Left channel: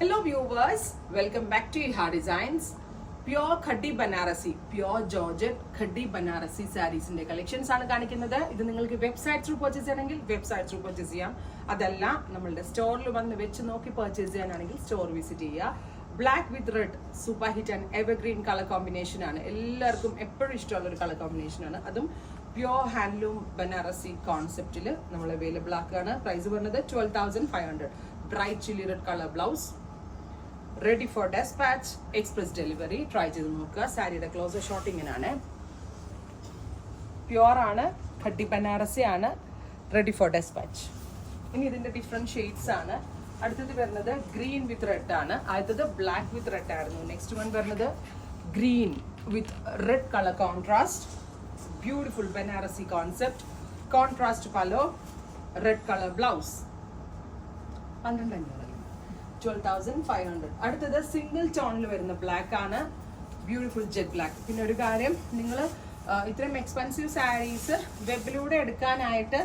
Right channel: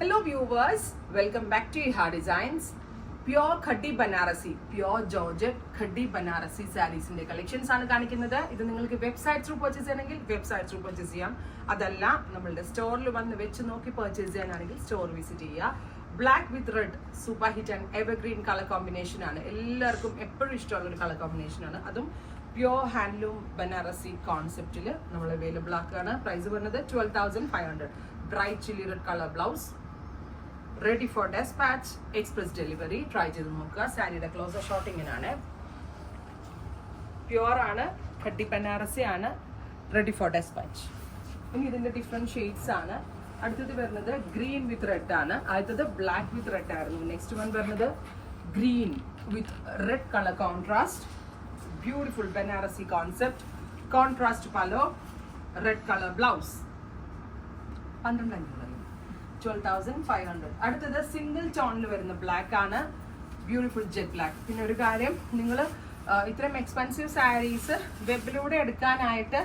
Hello viewers, welcome back to Iha Designs. Pure Khadi Banarasi, Pure Georgette Khadi Banarasi sarees in the collections ആണ് കാണിക്കുന്നത്. ഇത് നിങ്ങൾക്ക് website through purchase ചെയ്യണമെങ്കിൽ website through purchase ചെയ്യാം. അതല്ല നമ്മളുടെ സ്റ്റോറിൽ വന്ന് വെച്ച് നോക്കി പർച്ചേസ് ചെയ്യാനാണെങ്കിൽ സ്റ്റോർ വിസിറ്റ് ചെയ്യുക. Black with red super hit and evergreen colour combination ആണ്. എല്ലാവർക്കും എപ്പോഴും ഇഷ്ടമുള്ള ഒരു കളർ കോമ്പിനേഷൻ ആണ്. അതും പ്യോർ ഹാൻഡ്ലൂം ബനാറസി കോൺസെപ്റ്റിൽ നമ്മൾ അവൈലബിൾ ആക്കുകയാണ്. പ്രൈസ് വരുന്നത് 12,500. Bright chilli red colour blouse, ready for dispatch, express delivery. Try ചെയ്ത് നോക്കുക. സാരിയുടെ ക്ലോസർ ഷോട്ട് ഇങ്ങനെയാണ്. പ്യോർ ആണ്, ഖഡി ബനാറസി ആണ്, റെഡി ഫോർ ഡെസ്പാച്ച്. ഇനി ഇതിന്റെ ഡിഫറെന്റ് ഷെയ്ഡ്സ് ആണ്. അടുത്തത് വരുന്നത് ഗ്രീൻ വിത്ത് റെഡ് ആണ്. ആദ്യത്തത് ബ്ലാക്ക് വിത്ത് റെഡ് ആയിരുന്നു. നെക്സ്റ്റ് വൺ വരുന്നത് green with red colour contrast. Beautiful Banarasi concept. Contrast പലോ, red colour blouse. 12,500. അടുത്തത് സിംഗിൾ ടോണിൽ വരുന്ന ബ്ലാക്ക് ആണ്. Beautiful jet black. പിന്നെ ഒരു കാര്യം, നിങ്ങൾ ഇത്രയും എക്സ്പെൻസീവ് സാരീസ് വെബിലൂടെ എടുക്കാനായിട്ട്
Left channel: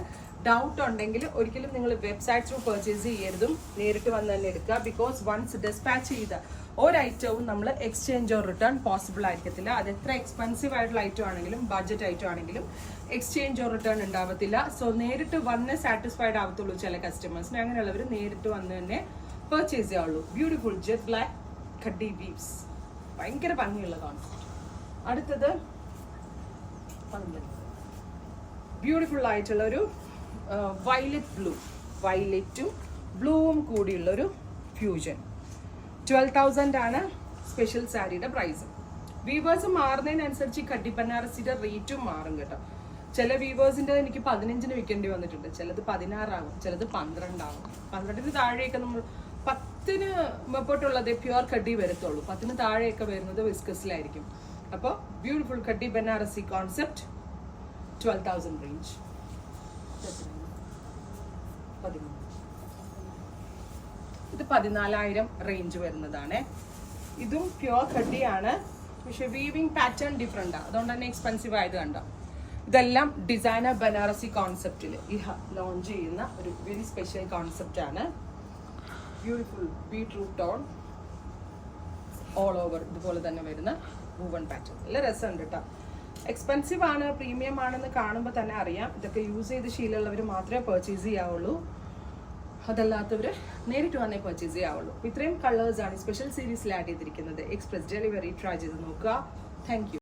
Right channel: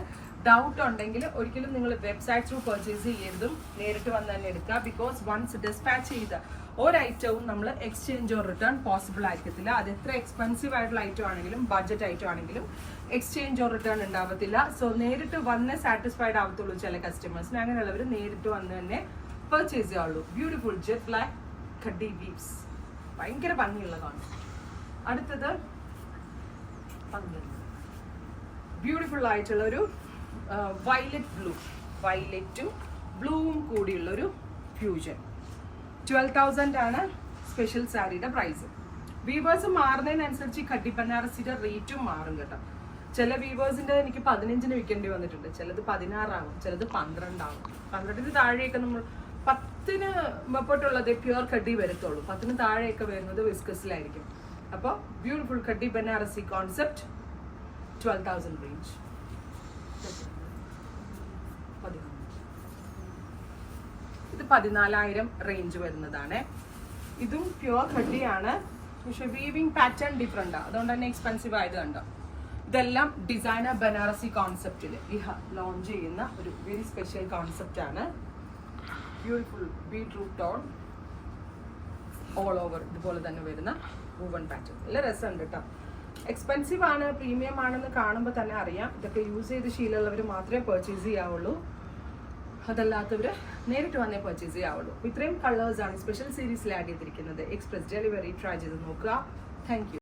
ഡൗട്ട് ഉണ്ടെങ്കിൽ ഒരിക്കലും നിങ്ങൾ വെബ്സൈറ്റ് ത്രൂ പർച്ചേസ് ചെയ്യരുതും, നേരിട്ട് വന്ന് തന്നെ എടുക്കുക. ബിക്കോസ് വൺസ് ഡിസ്പാച്ച് ചെയ്ത് ഒരു ഐറ്റവും നമ്മൾ എക്സ്ചേഞ്ച് ഓർ റിട്ടേൺ പോസിബിൾ ആയിരിക്കത്തില്ല. അത് എത്ര എക്സ്പെൻസീവ് ആയിട്ടുള്ള ഐറ്റം ആണെങ്കിലും ബഡ്ജറ്റ് ഐറ്റം ആണെങ്കിലും എക്സ്ചേഞ്ച് ഓർ റിട്ടേൺ ഉണ്ടാവത്തില്ല. സോ നേരിട്ട് വന്ന് സാറ്റിസ്ഫൈഡ് ആവത്തുള്ളൂ ചില കസ്റ്റമേഴ്സിന്. അങ്ങനെയുള്ളവർ നേരിട്ട് വന്ന് തന്നെ പർച്ചേസ് ചെയ്യാവുള്ളൂ. Beautiful jet black khadi weaves. ഭയങ്കര ഭംഗിയുള്ള കോൺസെപ്റ്റ്. അടുത്തത് ബ്യൂട്ടിഫുൾ ആയിട്ടുള്ള ഒരു വയലറ്റ് ബ്ലൂ, വയലറ്റും ബ്ലൂവും കൂടിയുള്ളൊരു ഫ്യൂഷൻ. 12,000 ആണ് സ്പെഷ്യൽ സാരിയുടെ പ്രൈസ്. വീവേഴ്സ് മാറുന്നതിനനുസരിച്ച് ഖഡി ബനാറസിയുടെ റേറ്റും മാറും കേട്ടോ. ചില വീവേഴ്സിൻ്റെ എനിക്ക് 15 വിൽക്കേണ്ടി വന്നിട്ടുണ്ട്. ചിലത് 16 ആകും, ചിലത് 12 ആകും. 12 താഴെയൊക്കെ നമ്മൾ 10 മുമ്പോട്ടുള്ളത് പ്യുവർ ഖഡി വരത്തുള്ളൂ. 10 താഴെയൊക്കെ വരുന്നത് വിസ്കസിലായിരിക്കും. അപ്പോൾ ബ്യൂട്ടിഫുൾ ഖഡി ബനാറസി കോൺസെപ്റ്റ് 12,000 റേഞ്ച്. ഇത് 14,000 റേഞ്ച് വരുന്നതാണ്. ഇതും പ്യുവർ ഖഡിയാണ്, പക്ഷെ വീവിങ് പാറ്റേൺ ഡിഫറെൻ്റ് ആണ്. അതുകൊണ്ട് തന്നെ എക്സ്പെൻസീവ് ആയത് കണ്ടോ. ഇതെല്ലാം ഡിസൈനർ ബനാറസി കോൺസെപ്റ്റിൽ ലോഞ്ച് ചെയ്യുന്ന ഒരു വെരി സ്പെഷ്യൽ കോൺസെപ്റ്റ് ആണ്. Beautiful beetroot tone all over ഇതുപോലെ തന്നെ വരുന്ന വൂവൺ പാറ്റേൺ. നല്ല രസമുണ്ട് കേട്ടോ. എക്സ്പെൻസീവ് ആണ്, പ്രീമിയം ആണെന്ന് കാണുമ്പോൾ തന്നെ അറിയാം. ഇതൊക്കെ യൂസ് ചെയ്ത് ശീലമുള്ളവർ മാത്രമേ പർച്ചേസ് ചെയ്യാവുള്ളൂ. അതല്ലാത്തവർ നേരിട്ട് വന്നേ പർച്ചേസ് ചെയ്യാവുള്ളൂ. ഇത്രയും കളേഴ്സാണ് സ്പെഷ്യൽ സീരീസിൽ ആഡ് ചെയ്തിരിക്കുന്നത്. എക്സ്പ്രസ് ഡെലിവറി ട്രൈ ചെയ്ത് നോക്കുക. Thank you.